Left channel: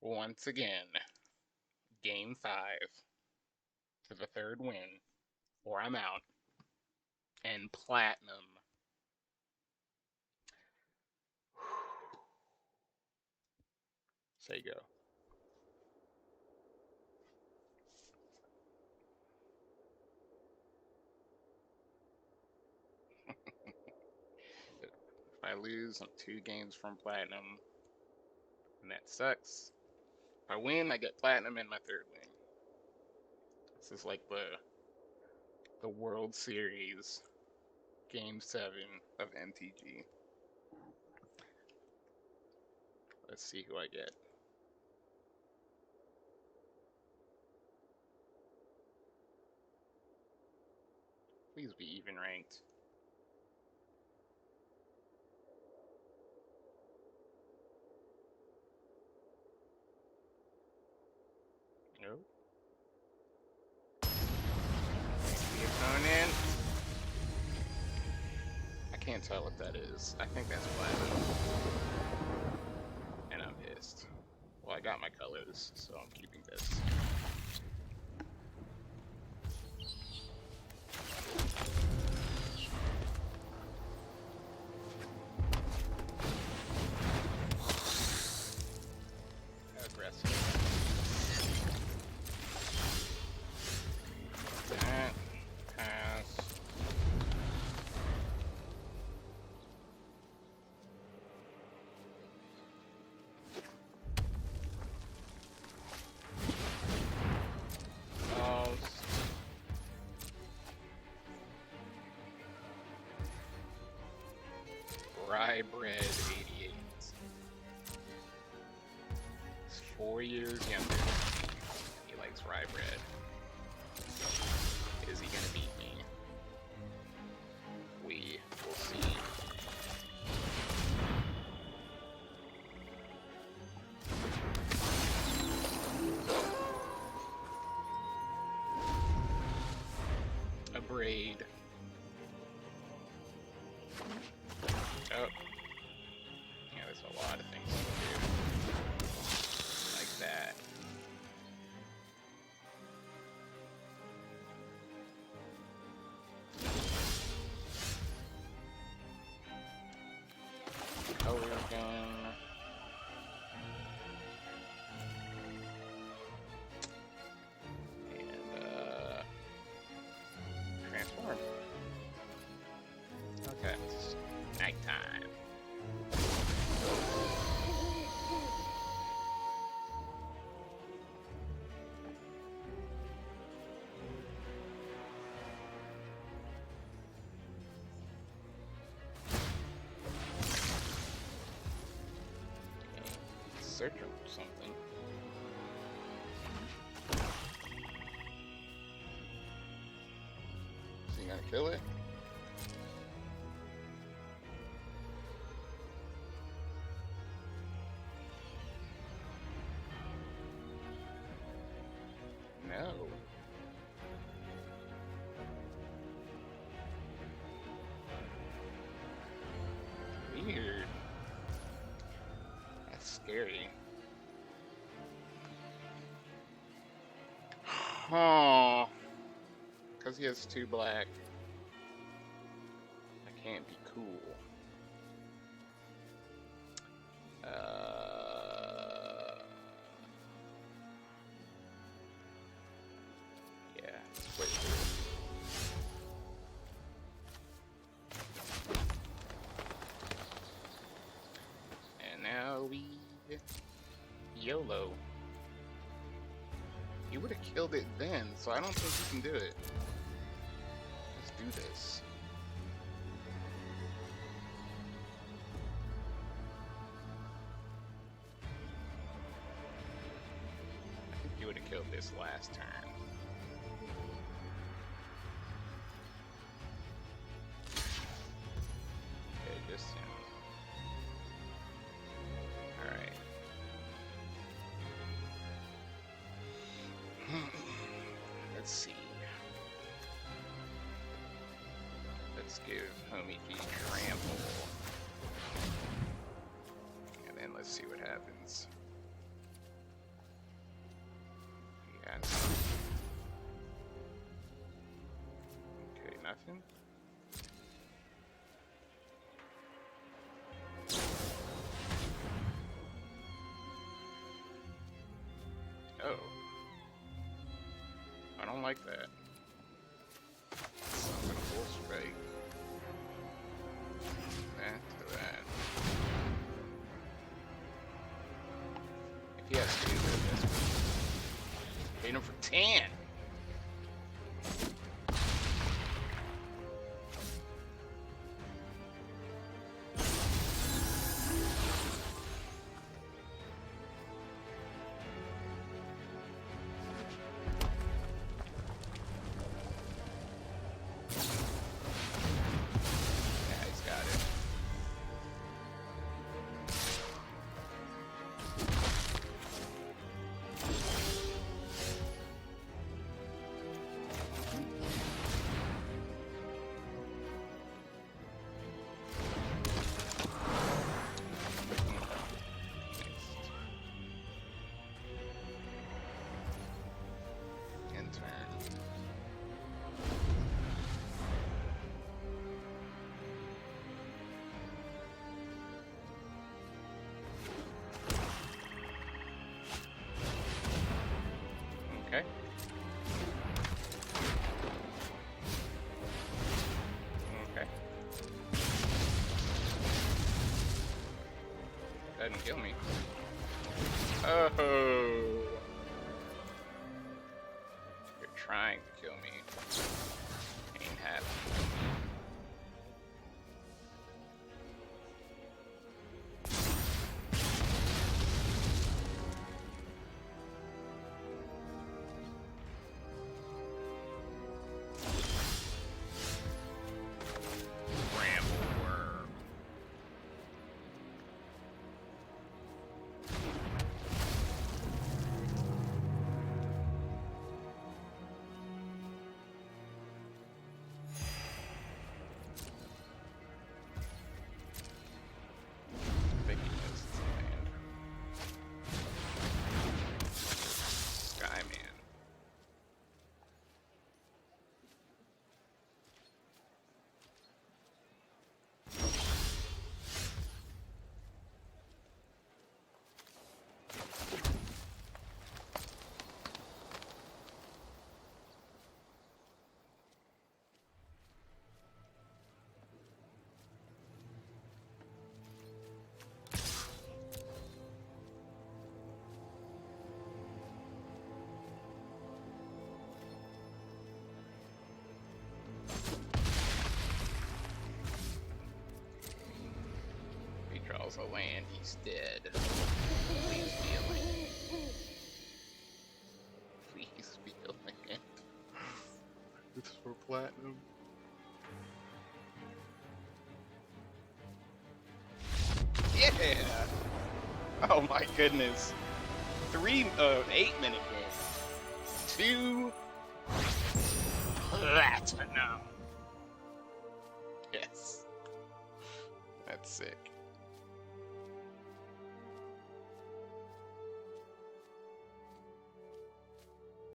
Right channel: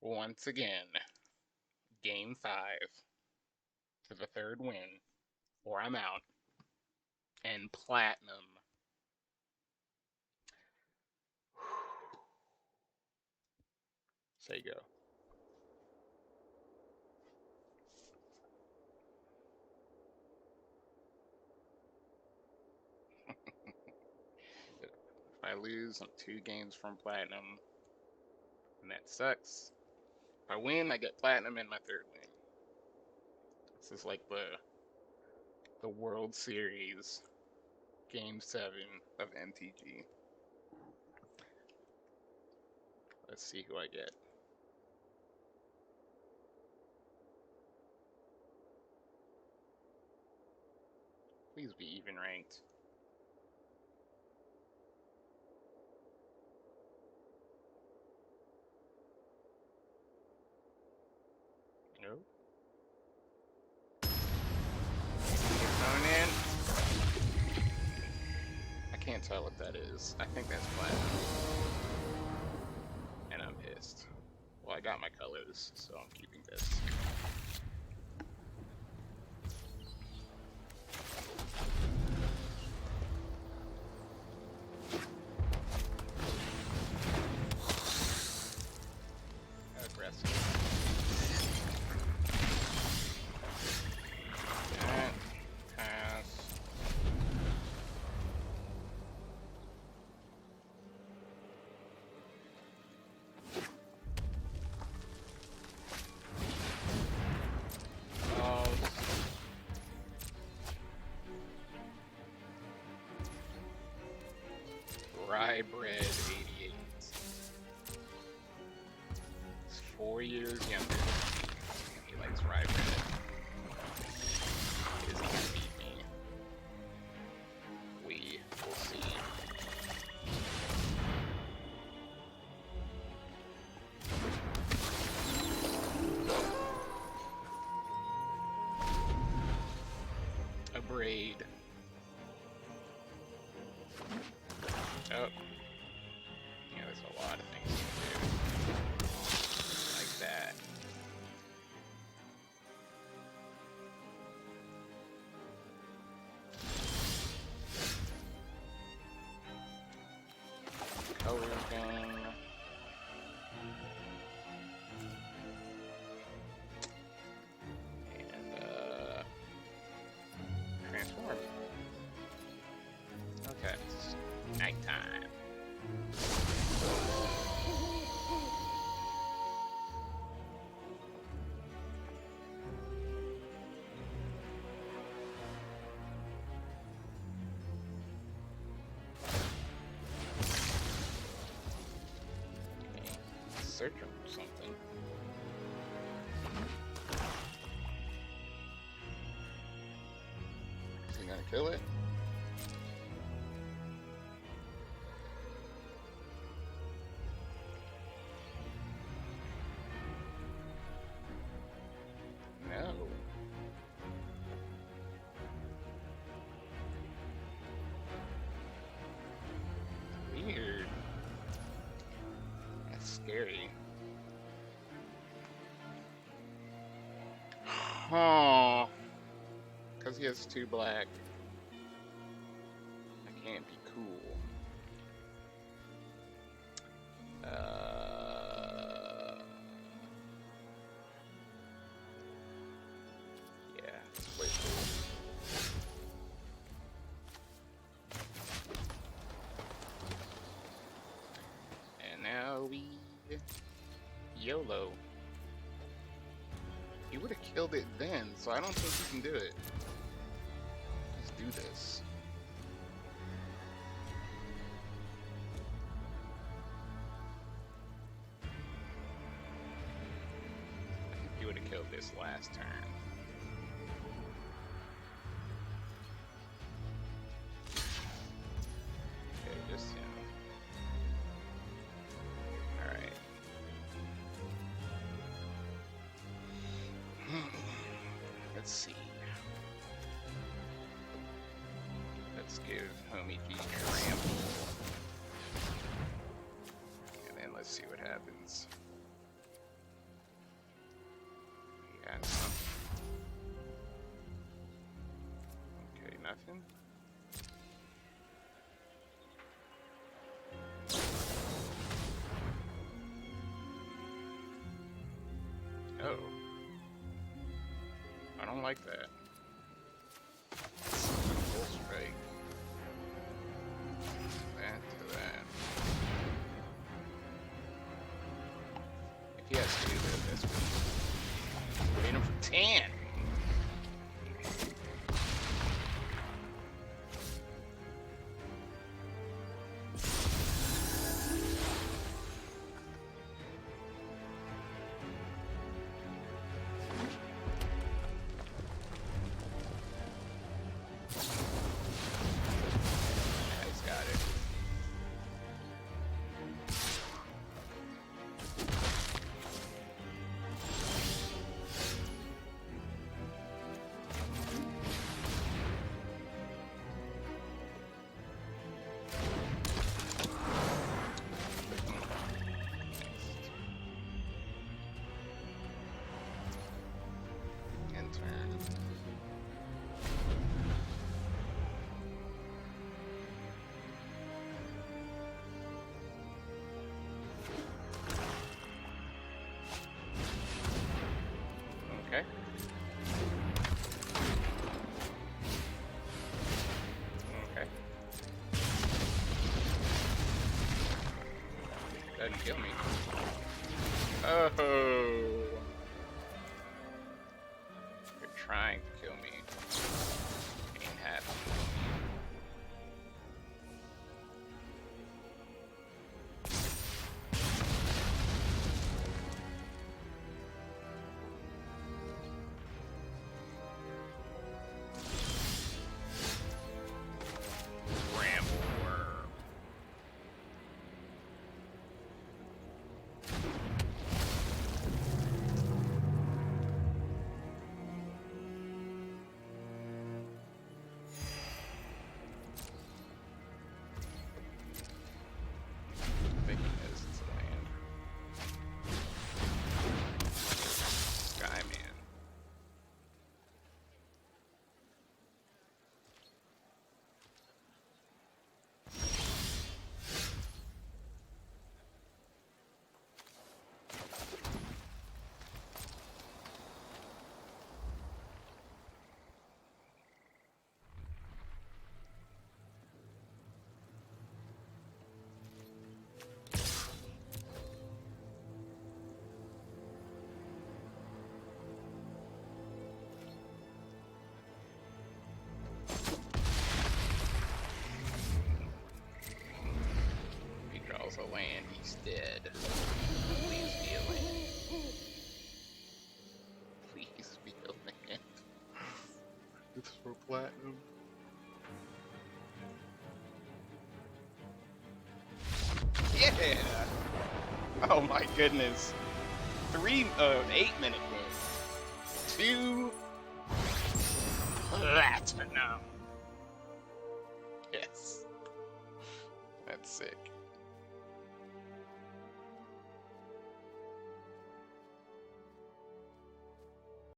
Once again, game 5 for the third win, or I'm out, and platinum. Say go. If I lose, I'm 2 games from platinum, and that sucks. If I win, I get platinum in my third win. This is like the World Series, Game 7 of MTG. Let's see who I get. Please be even ranked. Nope. Opponent. I can't tell what that is. I think that's platinum. And I'm pissed. Well, I got my colors, so I'm keeping this. Aggressive. That. Pass. Rye Bread 88. He's 4 years younger. He likes rye bread. Is he gonna beat me? We will see. A braid. Oh. Yeah, there's a lot of things you can do. Like that. Color gun. And, transform. Okay, it's nighttime. Okay, searching for something. Is he gonna kill it? No. Weird. That's scary. Oh. Because he has 2 black. I can't be cool. Yeah, let's play cool. And now we YOLO. He would have killed it then, so I don't think he can do it. Let's do this. I think he would have killed this last turn. Okay, just soon. Alright. Let's see. Let's give Homie G Trample. And then let's see what happens. He has some. Okay, nothing. Oh. I don't like that. I'm gonna full strike. That to that. If he has 2, that's good. Beat him for 10! Okay. Okay. Doesn't kill me. Oh! You're trying to kill me. Ain't happening. A land, he's dead. Please be a land. Please be a land. It's for platinum. Yeah! Oh my goodness. 8-minute game. 2 platinum. Yes. That's sick.